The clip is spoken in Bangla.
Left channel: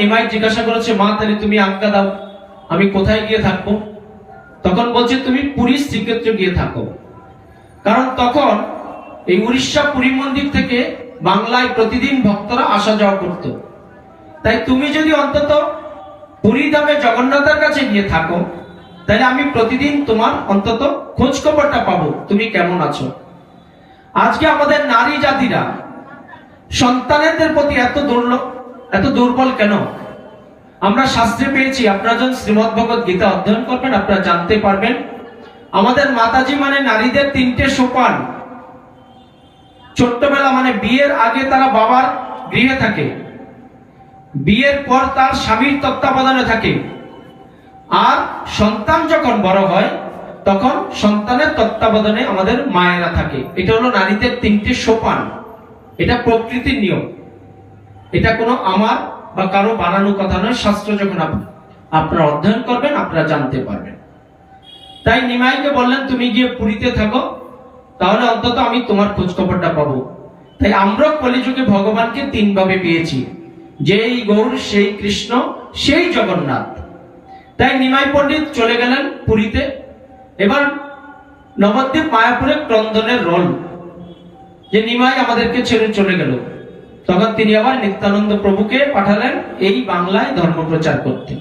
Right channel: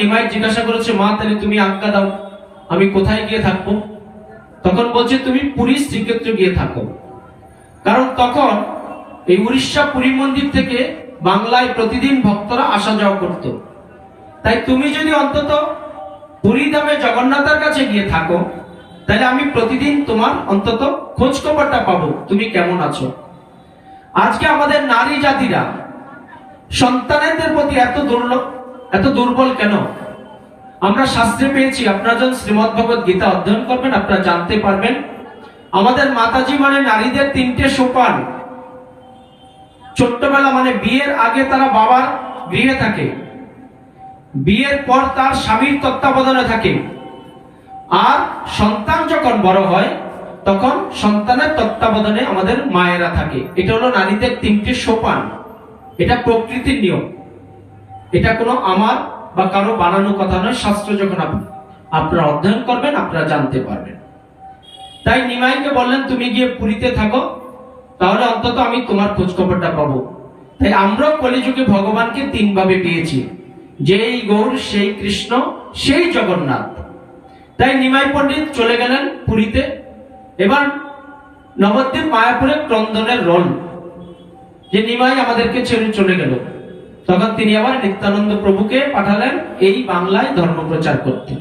নিমাই জিজ্ঞাসা করেছে, মা তাহলে তুমি আজ্ঞা দাও, আমি কোথায় গিয়ে থাকবো? তখন বলছে, তুমি পুরী শ্রীক্ষেত্রে গিয়ে থাকো। কারণ তখন এই উড়িষ্যা পুরী মন্দির থেকে বাংলায় প্রতিদিন ভক্তরা আসা যাওয়া করত। তাই তুমি যদি অন্তত পুরী ধামে জগন্নাথের কাছে গিয়ে থাকো, তাহলে আমি প্রতিদিন তোমার অন্তত খোঁজ খবরটা পাবো, তুমি কেমন আছো। আজকে আমাদের নারী জাতিরা সন্তানদের প্রতি এত দুর্বল কেন? আমরা শাস্ত্রে পেয়েছি, আপনারা যখন শ্রীমদ্ ভগবত গীতা অধ্যয়ন করবেন আপনারা জানতে পারবেন, আমাদের মাতাজি মানে নারীদের 3টে সোপান। ছোট্টবেলা মানে বিয়ের আগে তারা বাবার গৃহে থাকে, বিয়ের পর তার স্বামীর তত্ত্বাবধানে থাকে, আর সন্তান যখন বড় হয় তখন সন্তানের তত্ত্বাবধানে আমাদের মায়েরা থাকে। এটা হলো নারীদের 3টে সোপান। এটা প্রকৃতির নিয়ম, এটা কোনো আমার বা কারো বানানো কথা নয়। শাস্ত্র যখন আপনারা অধ্যয়ন করবেন আপনারা জানতে পারবেন। তাই নিমাইকে বললেন, তুমি গিয়ে পুরীতে থাকো, তাহলে অন্তত আমি তোমার খোঁজ খবরটা পাবো। তাই আমরা কলিযুগে ভগবানকে 3 ভাবে পেয়েছি, যেই গৌর, সেই কৃষ্ণ, সেই জগন্নাথ। তাই নিমাই পণ্ডিত চলে গেলেন পুরীতে। এবার নবদ্বীপ মায়াপুরে ক্রন্দনের রোল, যে নিমাই আমাদেরকে ছেড়ে চলে গেল। তখন তিনি আবার নিত্যানন্দ প্রভুকে পাঠালেন এই বাংলায় ধর্ম প্রচার করতে।